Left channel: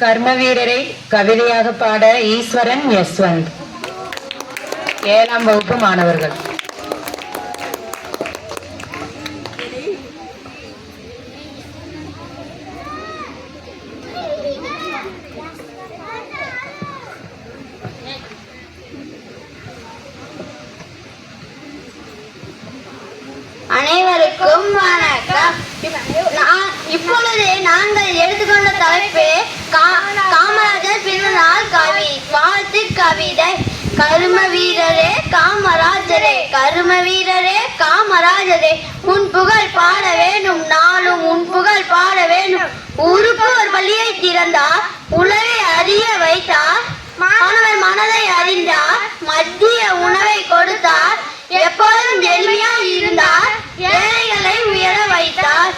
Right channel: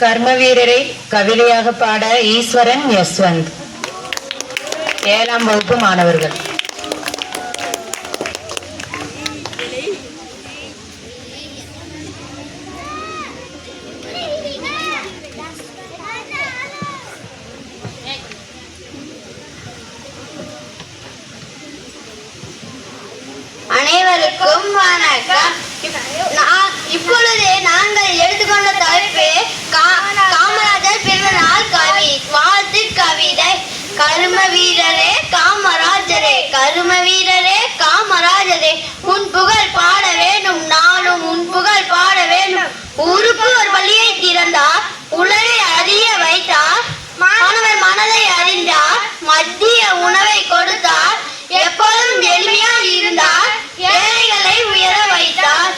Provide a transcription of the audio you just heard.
கர்மவீரரை கவிதையாக பாட ஈஸ்வரன் யஸ்வந்த். 7ஆம் வகுப்பு மாணவர்கள். அனைவருக்கும் வணக்கம். இப்பொழுது நாங்கள் எடுத்துக்கொண்ட தலைப்பு காமராஜர் பிறந்தநாள் வாழ்த்து கவிதை. கரும வீரரே காமராஜரே, கரும வீரரே காமராஜரே, உன் புகழ் பாட வேணும், நாளும் உன் புகழ் பாட வேணும். ஊருக்கு ஒரு பள்ளியை திறந்தார், உலகை அறிய வைத்தார், மாணவர் மனதை அறிந்தார், மத்திய உணவை கொடுத்தார், எப்போதும் எளிமையாய் இருந்தார், ஏழைகளை உயர வைத்தார்.